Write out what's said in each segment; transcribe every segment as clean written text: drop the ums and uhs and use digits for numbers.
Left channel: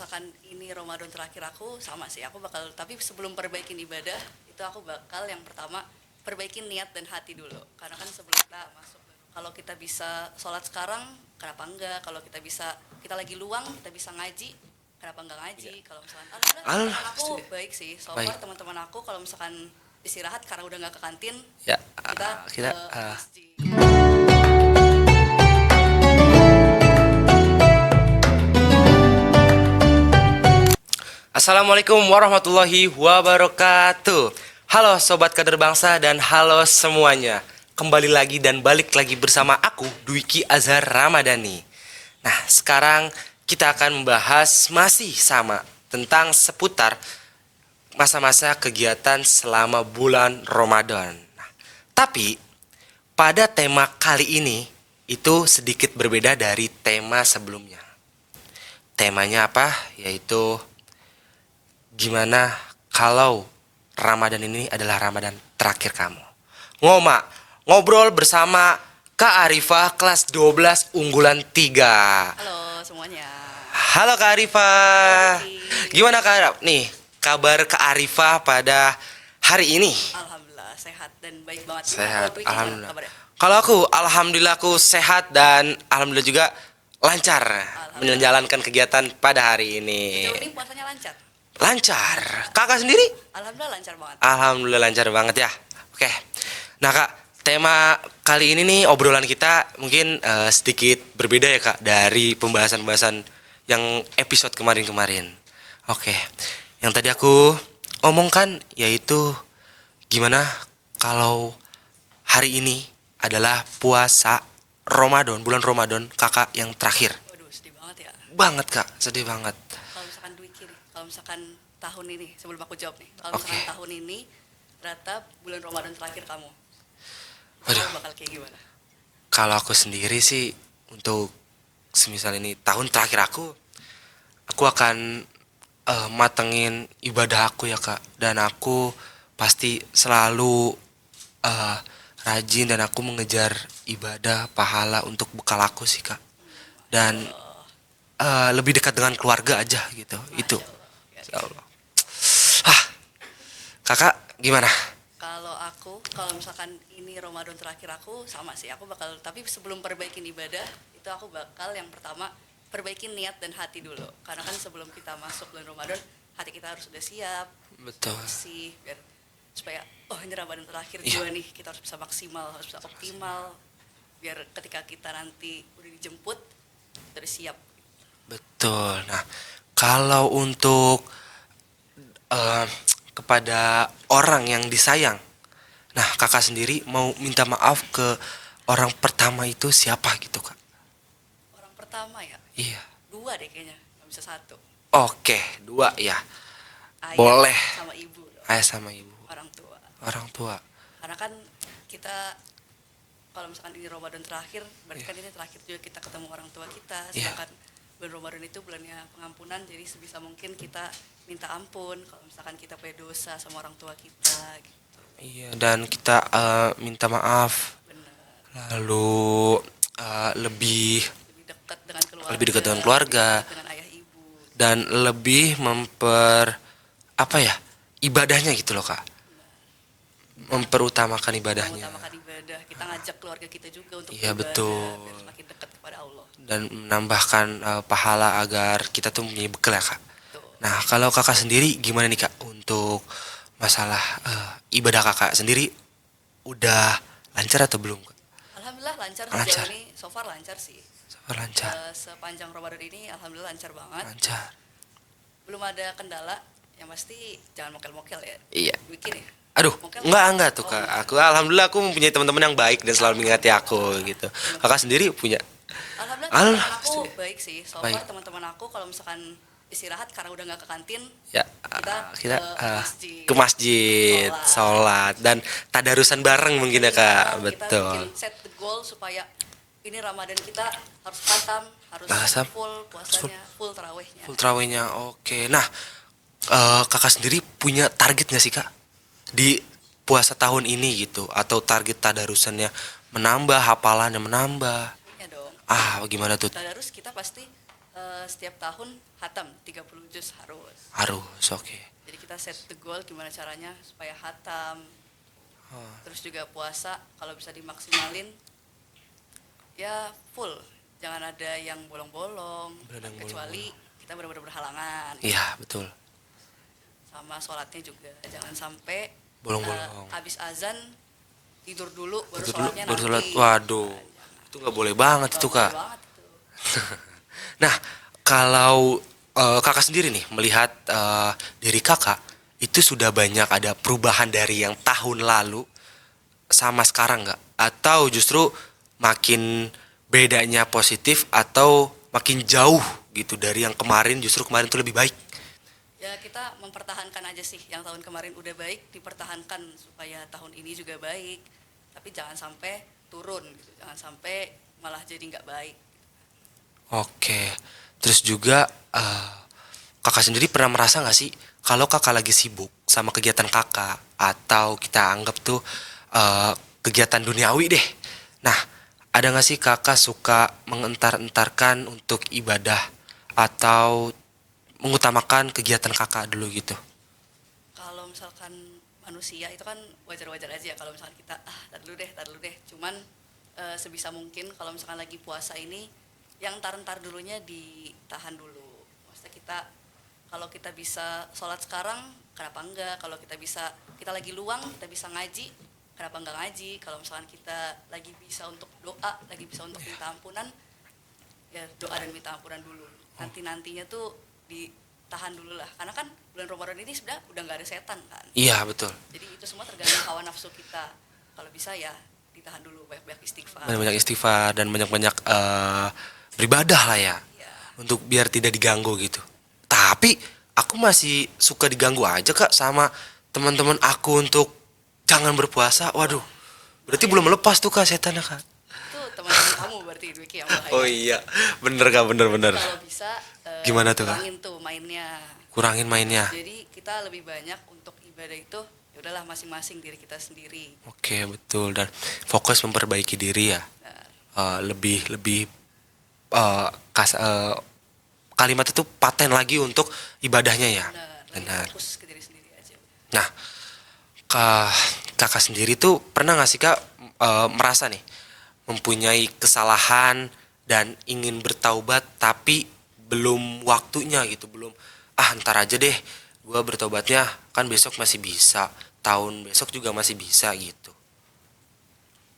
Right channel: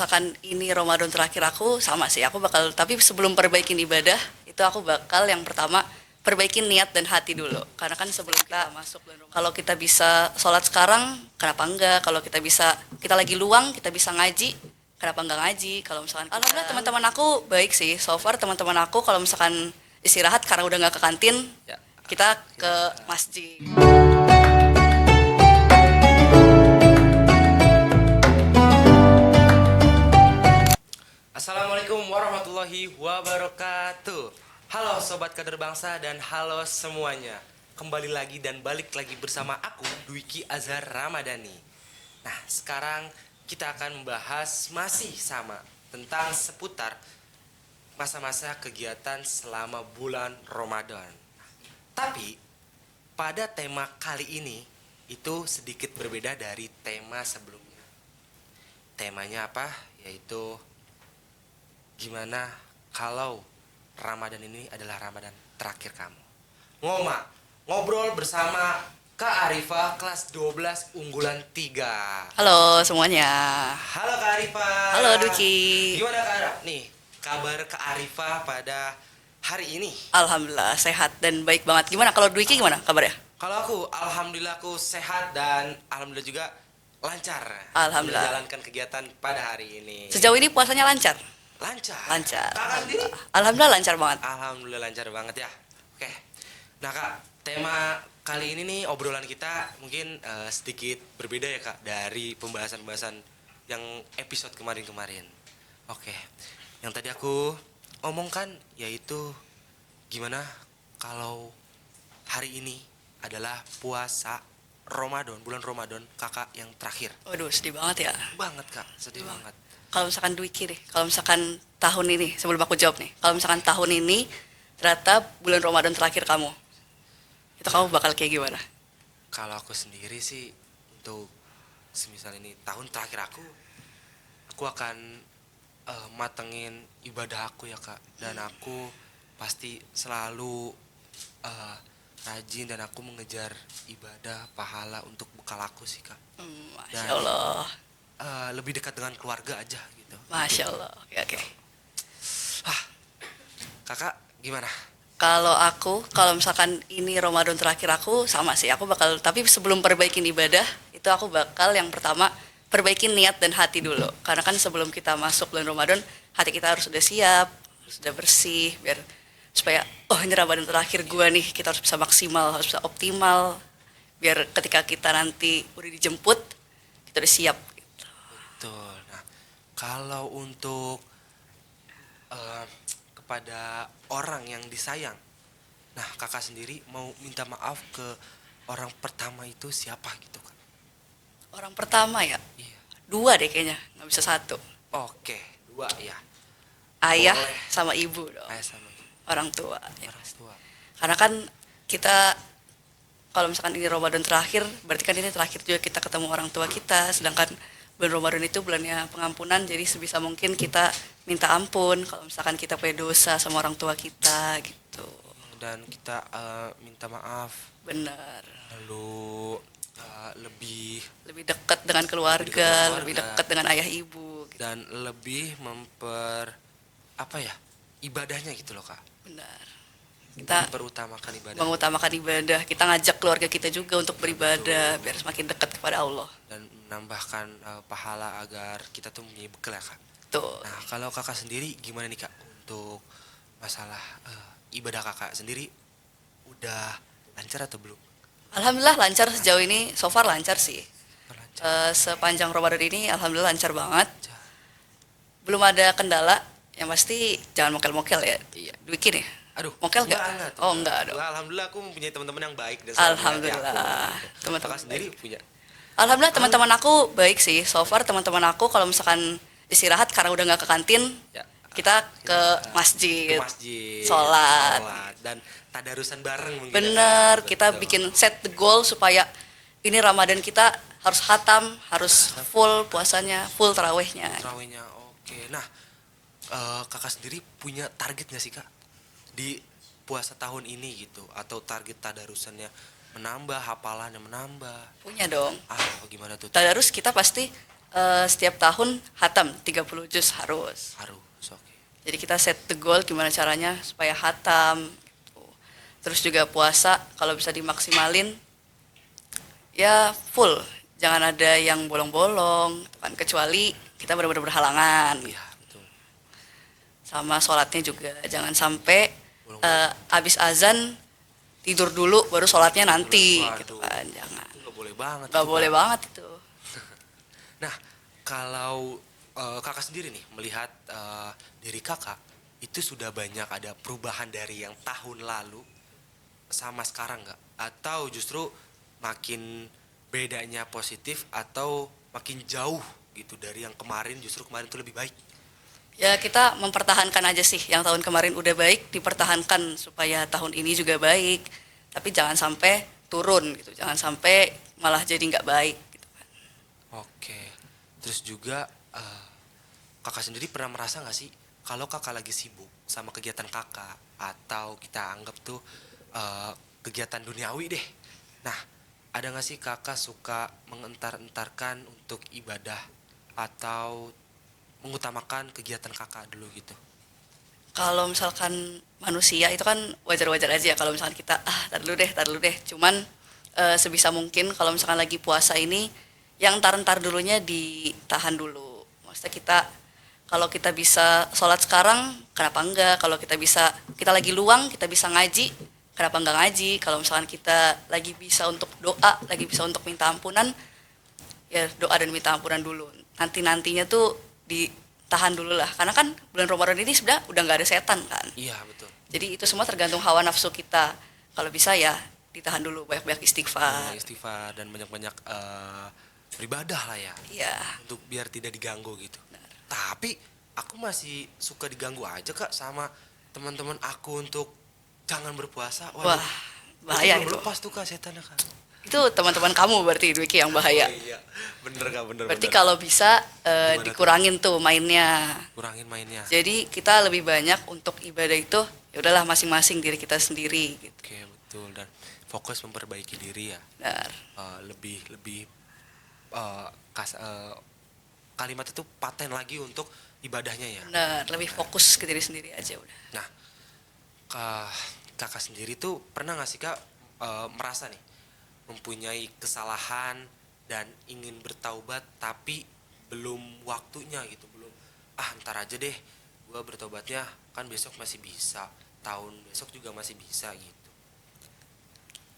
misalkan ini Ramadan terakhir aku, sama sih aku bakal, tapi sebelum perbaikin ibadah itu aku bakal yang pertama perbaikin niat dan hati dulu, karena kan sebelum kita masuk bulan Ramadan, kalau kita bisa sholat sekarang kenapa enggak, kalau kita bisa, kita lagi luang kita bisa ngaji, kenapa enggak ngaji. Kalau misalkan alhamdulillah teman-teman aku baik sih so far. Baik. Teman-teman aku kalau misalkan istirahat karena udah nggak ke kantin, Ya, kita ke kita masjid. Assalamualaikum warahmatullahi wabarakatuh. Halo Sobat Kader Bangsa dan halo semuanya. Kembali lagi dan balik lagi bersama aku, Dwiki Azhar Ramadhani. Nah, sekarang kita akan membahas masih sama tentang seputar masa-masa kegiatan selama bulan Ramadan. Nah, tapi pada tema kali ini itu sedikit berbeda dari tema sebelumnya. Temanya apa? Yaitu gimana kalau Ramadan ini adalah Ramadan terakhir kamu. Ngobrol bersama Kak Arifah kelas 12 unggulan 3. Halo semuanya. Halo Kak Arifah. Halo Duki. Gimana Kak Arif? Nih, kabar Kak Arifah pada hari ini? Alhamdulillah sehat dan baik banget. Gimana Sehat, kalau Dwiki gimana alhamdulillah. kabarnya? Kalau aku, alhamdulillah aku sehat dan alhamdulillah juga lancar Alhamdulillah. menjalankan kegiatan pada hari ini. Sejauh ini puasanya lancar? Lancar. Lancar. Kakak sendiri? Alhamdulillah lancar banget. Alhamdulillah lancar banget ya. Oke. Nah Kak, tema kali ini nih obrolan kita mungkin sedikit berbeda ya Kak dari pembahasan-pembahasan yang episode kemarin-kemarin. Oke. Yang tadi aku omongkan yaitu gimana kalau hari ini adalah puasa Ramadan, bulan Ramadan Kakak yang terakhir. Waduh sedih banget ya. Banget Kak, sedih banget. Kalau misalkan Dwiki deh, kalau misalkan tahun ini, sebelum aku jawab nih, kalau misalkan tahun ini ternyata bulan Ramadan terakhir kamu, itu kamu bakal kayak gimana? Kalau aku sendiri sih untuk semisal ini tahun terakhir aku akan matengin ibadah aku ya Kak, dan aku pasti selalu rajin dan aku mengejar ibadah pahala untuk bekal aku sih Kak, Masya dan Allah, lebih dekat dengan keluarga aja gitu. Itu. Masya Allah. Oke, oke. Ah, Kakak gimana? Kalau aku, kalau misalkan ini Ramadan terakhir aku, sama sih aku bakal, tapi sebelum perbaikin ibadah itu aku bakal yang pertama perbaikin niat dan hati dulu, karena kan sebelum kita masuk bulan Ramadan hati kita harus sudah siap, sudah Betul. bersih, biar supaya oh ini Ramadan terakhir gua nih, kita harus bisa maksimal, harus bisa optimal, biar ketika kita nanti udah dijemput kita udah siap. Betul. Nah, kalau untuk eh, kepada orang yang disayang, nah Kakak sendiri mau minta maaf ke orang pertama itu siapa gitu Kak? Orang pertama ya, Iya. dua deh kayaknya, nggak bisa satu. Oke, 2 ya. Ayah Boleh. sama ibu dong, Ayah sama ibu. orang tua. Orang tua. Karena kan kita kalau misalkan ini Ramadan terakhir, berarti kan ini terakhir juga kita ketemu orang tua kita. Sedangkan bulan Ramadan itu bulannya pengampunan, jadi sebisa mungkin kita minta ampun kalau misalkan kita punya dosa sama orang tua kita gitu. Iya, dan kita minta maaf. Bener. Lalu lebih Lebih dekat dengan keluarga, Lebih dekat dengan keluarga. lebih dekat dengan ayah ibu. Gitu. dan lebih ibadahnya gitu loh Kak. Benar. Kita Memperutamakan ibadahnya. mengutamakan ibadah, kita ngajak keluarga kita juga untuk Iya, beribadah betul. biar semakin dekat kepada Allah. Dan menambahkan pahala agar kita tuh punya bekal ya Kak. Tuh. Nah kalau Kakak sendiri gimana nih Kak untuk masalah ibadah Kakak sendiri udah lancar atau belum Kak? Alhamdulillah lancar sejauh Lancar. ini, so far lancar sih. Lancar. Sepanjang Ramadan ini alhamdulillah lancar banget. Lancar. Belum ada kendala, yang pasti jangan mokel-mokel ya. Iya. Dwiki nih. Aduh, Mokel enggak tuh Oh, Kak. enggak. Aku, alhamdulillah aku mempunyai teman-teman yang baik dan selalu mengingati aku Alhamdulillah. gitu. Teman-teman. Kakak sendiri punya? Alhamdulillah teman-teman aku baik sih. So far Baik. teman-teman aku kalau misalkan istirahat karena udah nggak ke kantin, Ya, kita ke masjid. Ke masjid, sholat dan tadarusan bareng mungkin ya Benar, Kak. kita Betul. bikin set the goal supaya ini Ramadan kita harus khatam, harus Bahasa- full puasanya, full tarawehnya. Terawihnya oke. Nah, Kakak sendiri punya target nggak sih Kak di puasa tahun ini gitu, atau target tadarusannya menambah, hafalannya menambah? Punya dong. Gimana tuh? Tadarus kita pasti Setiap tahun hatam 30 juz harus. Harus, oke. Jadi kita set the goal gimana caranya supaya hatam. Gitu. Terus juga puasa kalau bisa dimaksimalin ya full. Jangan ada yang bolong-bolong, kan, kecuali kita benar-benar berhalangan. Iya, betul. Sama sholatnya juga jangan sampai Bolong-bolong. abis azan tidur dulu baru Tidur sholatnya dulu, baru nanti. sholat. Waduh. Kan, jangan. Itu nggak boleh banget Gak itu, boleh Kak. banget itu. Nah, kalau kakak sendiri nih melihat diri kakak itu sudah banyak ada perubahan dari yang tahun lalu sama sekarang nggak? Atau justru makin bedanya positif atau makin jauh gitu dari yang kemarin, justru kemarin tuh lebih baik? Ya kita mempertahankan aja sih yang tahun kemarin udah baik dipertahankan supaya tahun ini juga baik. Tapi jangan sampai turun gitu, jangan sampai malah jadi nggak baik. Gitu. Oke, terus juga kakak sendiri pernah merasa nggak sih kalau kakak lagi sibuk sama kegiatan kakak atau kita anggap tuh kegiatan duniawi deh. Nah, ada nggak sih kakak suka mengentar-entarkan untuk ibadah atau mengutamakan kegiatan kakak dulu gitu? Kalau misalkan manusia itu kan wajar-wajar aja ya kalau misalkan kita tar dulu deh. Cuman sebisa mungkin kalau misalkan lagi puasa ini yang ntar dulunya ditahan dulu. Maksudnya kalau kita bisa sholat sekarang, kenapa enggak? Kalau kita lagi luang, kita bisa ngaji, kenapa enggak ngaji? Kalau misalkan kita lagi bisa untuk doa, lagi bisa untuk minta ampunan, ya doa dan minta ampunan dulu. Nantinya tuh ditahan dulu lah. Karena kan bulan Ramadan ini sebenarnya udah nggak ada setan kan. Iya, betul. Jadi itu semua tergantung hawa nafsu kita. Kalau bisa ya ditahan dulu, banyak-banyak Dan istighfar. banyak istighfar dan banyak-banyak beribadah lah ya. Iya. Untuk biar tidak diganggu gitu. Tapi aku masih suka diganggu aja Kak sama teman-teman aku untuk jangan berpuasa. Waduh. Wah, Berarti bahaya. belum lepas tuh Kak setannya Kak. Itu teman-teman kamu berarti Dwiki yang bahaya. Oh iya. Bener Kak, Berarti bener. kalau bisa Gimana tuh? kurangin tuh mainnya. Kurangin mainnya. Jadi kita lebih banyak untuk ibadah itu ya udahlah masing-masing diri kita sendiri. Oke, betul. Dan fokus memperbaiki diri ya. Benar. Lebih kalimat itu paten lagi untuk ibadahnya ya. Benar, lebih Benar. fokus ke diri sendiri aja udah. Nah, kakak sendiri tuh pernah gak sih Kak merasa nih mempunyai kesalahan dan ingin bertaubat tapi belum waktunya gitu, belum ntar aja deh gua bertobatnya kan besok masih bisa, tahun besok juga masih bisa gitu.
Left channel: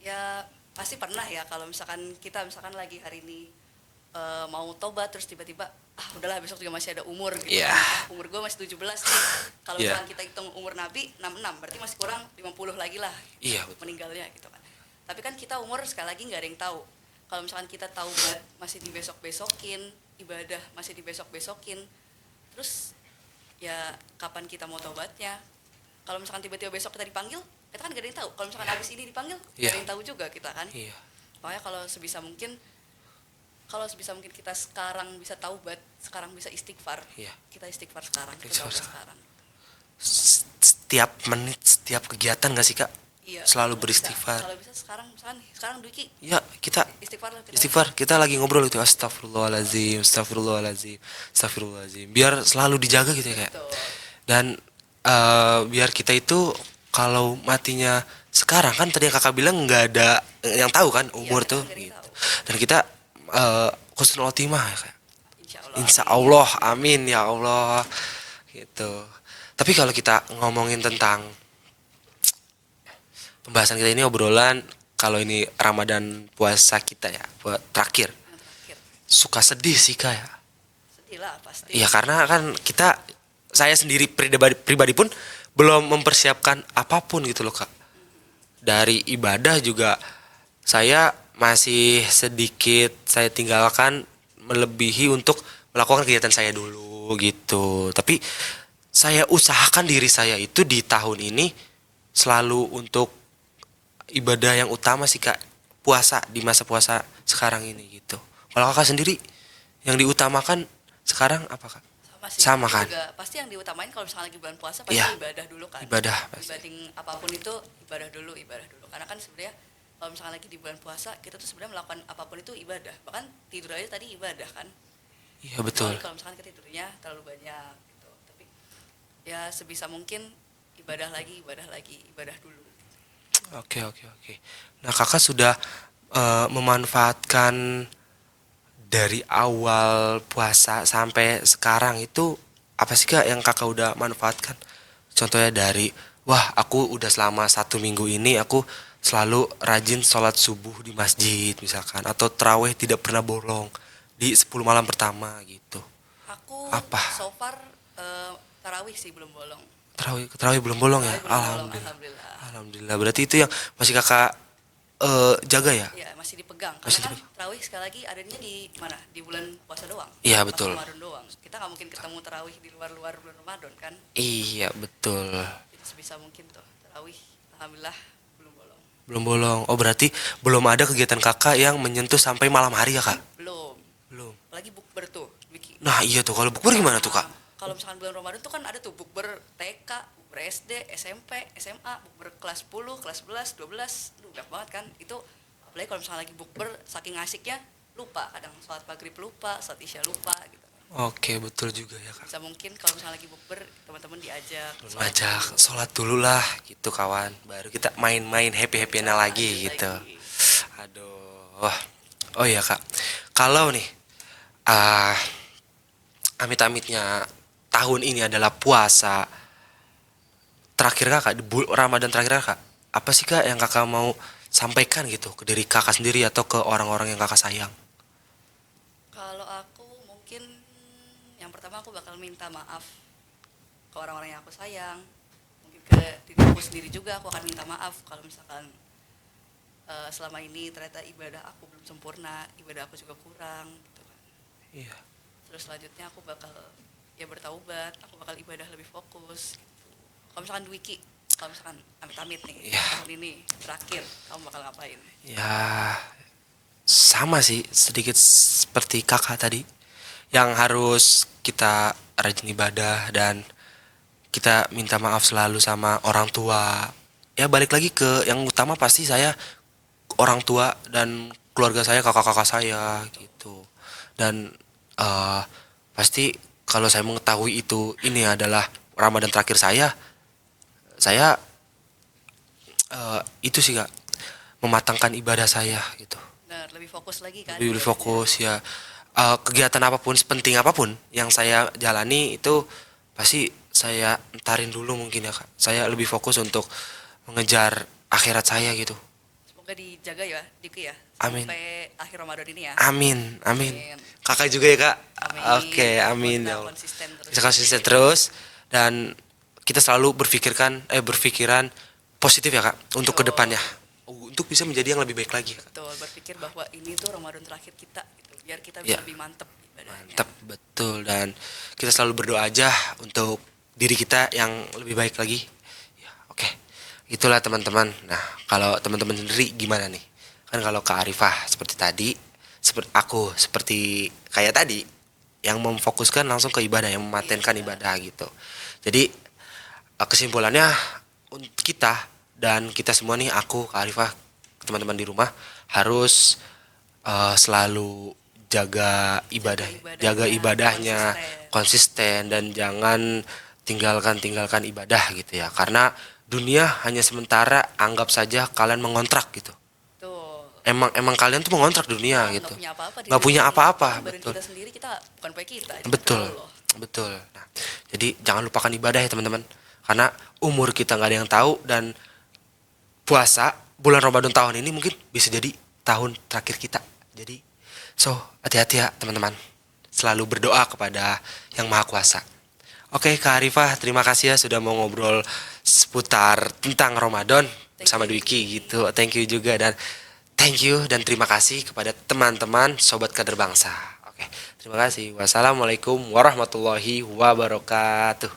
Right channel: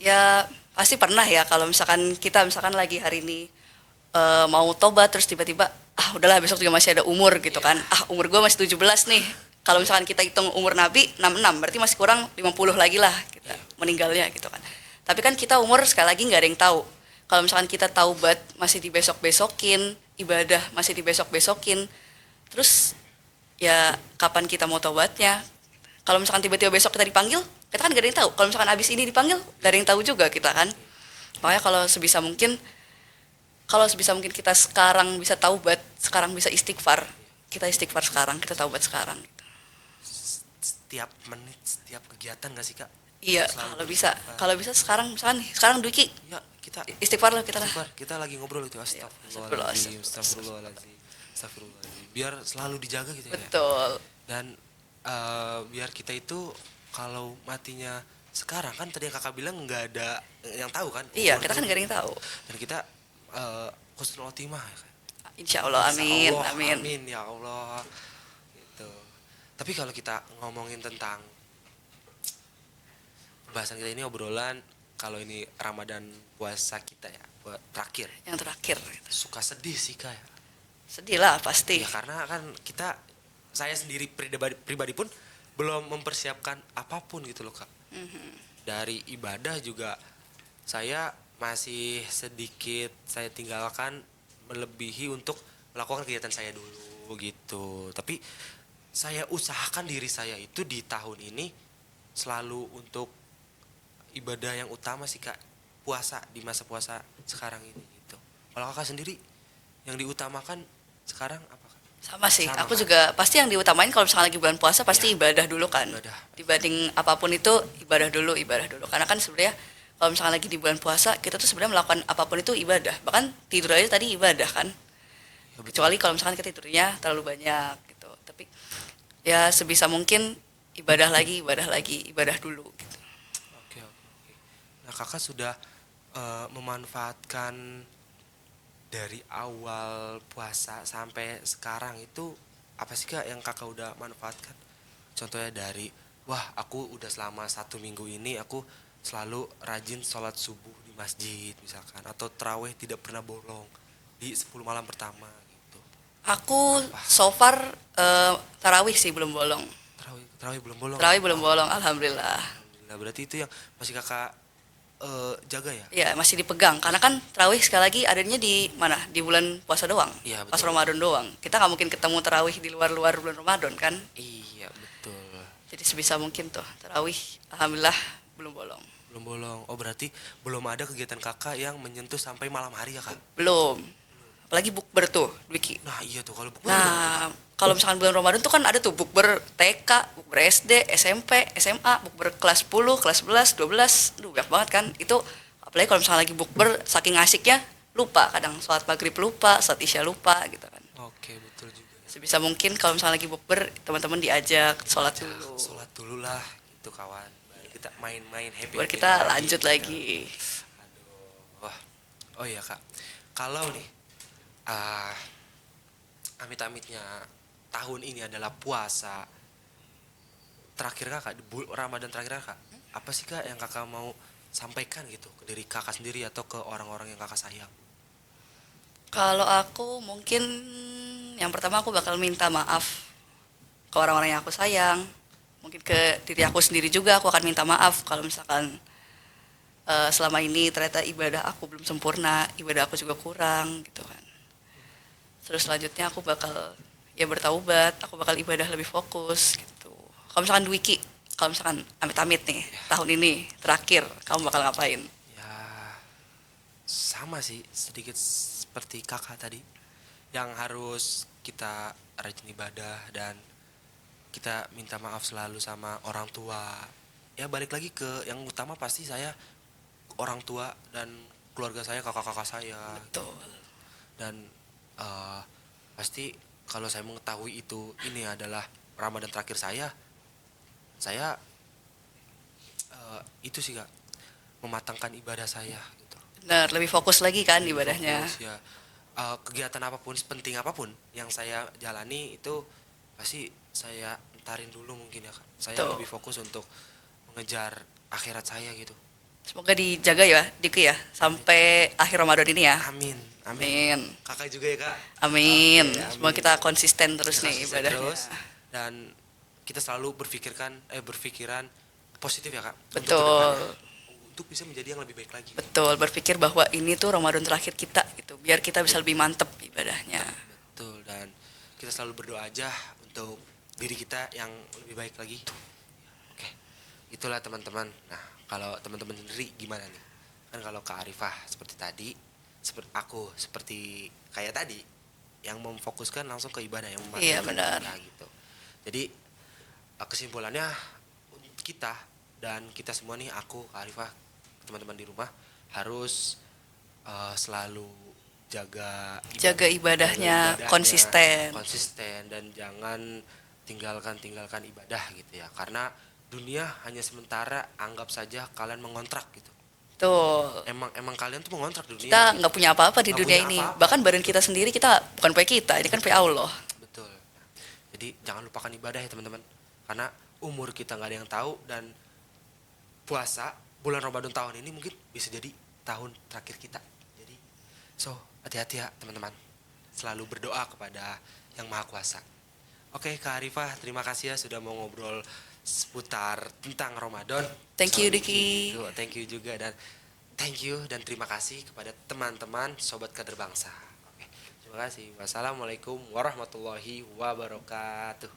Ya pasti pernah ya kalau misalkan kita lagi hari ini mau tobat terus tiba-tiba udahlah besok juga masih ada umur gitu Iya. kan. Umur gue masih 17 nih. Kalau Iya. misalkan kita hitung umur Nabi 66 berarti masih kurang 50 lagi lah kita Iya, betul. meninggalnya gitu kan. Tapi kan kita umur sekali lagi nggak ada yang tahu. Kalau misalkan kita taubat masih dibesok-besokin, ibadah masih dibesok-besokin. Terus ya kapan kita mau taubatnya? Kalau misalkan tiba-tiba besok kita dipanggil, kita kan gak ada yang tahu. Kalau misalkan abis ini dipanggil, gak ada Iya. yang tahu juga kita kan. Iya. Makanya kalau sebisa mungkin kita sekarang bisa taubat, sekarang bisa istighfar. Iya. Kita istighfar sekarang, kita taubat sekarang. Setiap menit, setiap kegiatan gak sih Kak? Iya. Selalu kalau bisa. beristighfar. Kalau bisa sekarang Dwiki Ya, kita istighfar lah kita. istighfar, kita lagi ngobrol gitu, astagfirullahaladzim, astagfirullahaladzim, biar selalu dijaga gitu ya Kak. Betul. Dan biar kita itu kalau matinya sekarang kan tadi yang kakak bilang nggak ada yang tahu kan Iya, umur kita tuh. kan gak ada yang tahu. Dan kita husnul khotimah ya Kak. Insya Allah. Insya amin, Allah, amin. amin ya Allah, gitu. Tapi kalau kita ngomongin tentang pembahasan kita ini obrolan, kalau ini Ramadan puasa kita ya, terakhir, Yang terakhir. suka sedih sih Kak ya. Sedih lah pasti. Iya karena kan saya sendiri pribadi pun belum mempersiapkan apapun gitu loh Kak. Dari ibadah juga saya masih sedikit saya tinggalkan melebihi untuk melakukan kegiatan saya dulu gitu. Tapi saya usahakan diri saya itu di tahun ini selalu untuk ibadah yang utama sih Kak. Puasa di masa puasa sekarang ini gitu. Kalau Kakak sendiri yang diutamakan sekarang apa Kak? Sama sih. Sama aku kan? juga pasti yang diutamain kalau misalkan lagi bulan puasa pasti Iya. ibadah dulu kan. Ibadah, pasti. Dibanding apapun itu ibadah dulu. Karena kan sebenarnya kalau misalkan lagi di bulan puasa kita tuh sebenarnya melakukan apapun itu ibadah. Bahkan tidur aja tadi ibadah kan. Iya betul. Kecuali kalau misalkan kita tidurnya terlalu banyak gitu. Tapi ya sebisa mungkin ibadah lagi, ibadah dulu gitu. Oke, oke, oke. Nah, kakak sudah memanfaatkan dari awal puasa sampai sekarang itu apa sih kak yang kakak udah manfaatkan? Contohnya dari, wah aku udah selama 1 minggu ini aku selalu rajin sholat subuh di masjid misalkan, atau terawih tidak pernah bolong di 10 malam pertama gitu. Aku Apa? so far tarawih sih belum bolong. Terawih, terawih belum bolong ya? Tarawih belum bolong, Alhamdulillah. alhamdulillah. Alhamdulillah. Berarti itu yang masih kakak jaga ya? Ya masih dipegang karena kan tarawih sekali lagi adanya di mana? Di bulan puasa doang. Iya Pas betul. Ramadan doang. Kita nggak mungkin ketemu tarawih di luar-luar bulan Ramadan kan. Iya betul. Jadi sebisa mungkin tuh tarawih alhamdulillah belum bolong. Belum bolong. Oh berarti belum ada kegiatan kakak yang menyentuh sampai malam hari ya kak? Belum. Belum. Apalagi bukber tuh, Dwiki. Nah iya tuh, kalau bukber gimana tuh kak? Kalau misalkan bulan Ramadan tuh kan ada tuh bukber TK, bukber SD, SMP, SMA, bukber kelas 10, kelas 11, 12. Duh, banyak banget kan. Itu apalagi kalau misalkan lagi bukber saking asiknya lupa kadang sholat maghrib lupa, sholat isya lupa gitu kan. Oke betul juga ya kak. Sebisa mungkin kalau misalnya lagi bukber teman-teman diajak sholat Ajak dulu. sholat dulu lah gitu kawan. Baru kita main-main Baru happy-happy kita lagi lanjut gitu. lagi. Aduh. Wah. Oh iya kak. Kalau nih ah amit-amitnya tahun ini adalah puasa terakhir kakak di Ramadan terakhir kakak, apa sih kak yang kakak mau sampaikan gitu ke diri kakak sendiri atau ke orang-orang yang kakak sayang? Kalau aku mungkin yang pertama aku bakal minta maaf ke orang-orang yang aku sayang. Mungkin ke diri aku sendiri juga aku akan minta maaf kalau misalkan selama ini ternyata ibadah aku belum sempurna, ibadah aku juga kurang gitu kan. Iya. Terus selanjutnya aku bakal ya bertaubat, aku bakal ibadah lebih fokus gitu. Kalau misalkan Dwiki, kalau misalkan amit-amit nih Iya. tahun ini terakhir, kamu bakal ngapain? Ya sama sih sedikit seperti kakak tadi yang harus kita rajin ibadah dan kita minta maaf selalu sama orang tua. Ya balik lagi ke yang utama pasti saya orang tua dan keluarga saya, kakak-kakak saya gitu. Dan eh, pasti kalau saya mengetahui itu ini adalah Ramadan terakhir saya itu sih kak mematangkan ibadah saya gitu. Benar, lebih fokus lagi kan Lebih ibadahnya. fokus ya. Kegiatan apapun, sepenting apapun yang saya jalani itu pasti saya entarin dulu mungkin ya kak. Saya Betul. lebih fokus untuk mengejar akhirat saya gitu. Semoga dijaga ya, Diki ya, Amin. sampai akhir Ramadan ini ya. Amin, amin. Amin. Kakak juga ya kak. Amin. Oke, Semoga amin. kita Ya Allah. konsisten terus. Kita di konsisten ibadahnya. terus dan kita selalu berpikiran positif ya kak untuk Betul. kedepannya, untuk bisa menjadi yang lebih baik lagi. Betul, berpikir bahwa ini tuh Ramadan terakhir kita gitu, biar kita bisa Ya. lebih mantep ibadahnya. Betul, dan kita selalu berdoa aja untuk diri kita yang lebih baik lagi. Ya, oke. Itulah teman-teman. Nah, kalau teman-teman sendiri gimana nih? Kan kalau Kak Arifah seperti tadi, seperti aku seperti kayak tadi yang memfokuskan langsung ke ibadah, yang mematenkan Iya, benar. ibadah gitu. Jadi kesimpulannya untuk kita dan kita semua nih, aku, Kak Arifah, teman-teman di rumah harus selalu jaga Jaga ibadahnya, konsisten. dan jangan tinggalkan ibadah gitu ya, karena dunia hanya sementara, anggap saja kalian mengontrak gitu. Tuh. Emang kalian tuh mengontrak Kita dunia gitu. nggak punya apa-apa di Nggak dunia punya ini. apa-apa. Bahkan badan Betul. kita sendiri kita bukan punya kita, ini kan punya Allah. Betul. Nah, jadi jangan lupakan ibadah ya teman-teman, karena umur kita nggak ada yang tahu, dan puasa bulan Ramadan tahun ini mungkin bisa jadi tahun terakhir kita. Jadi hati-hati ya teman-teman, selalu berdoa kepada yang maha kuasa. Oke Kak Arifah, terima kasih ya sudah mau ngobrol seputar tentang Ramadan Thank sama you, Dwiki Diki. gitu. Thank you juga, dan thank you dan terima kasih kepada teman-teman Sobat Kader Bangsa. Oke, terima kasih. Wassalamualaikum warahmatullahi wabarakatuh.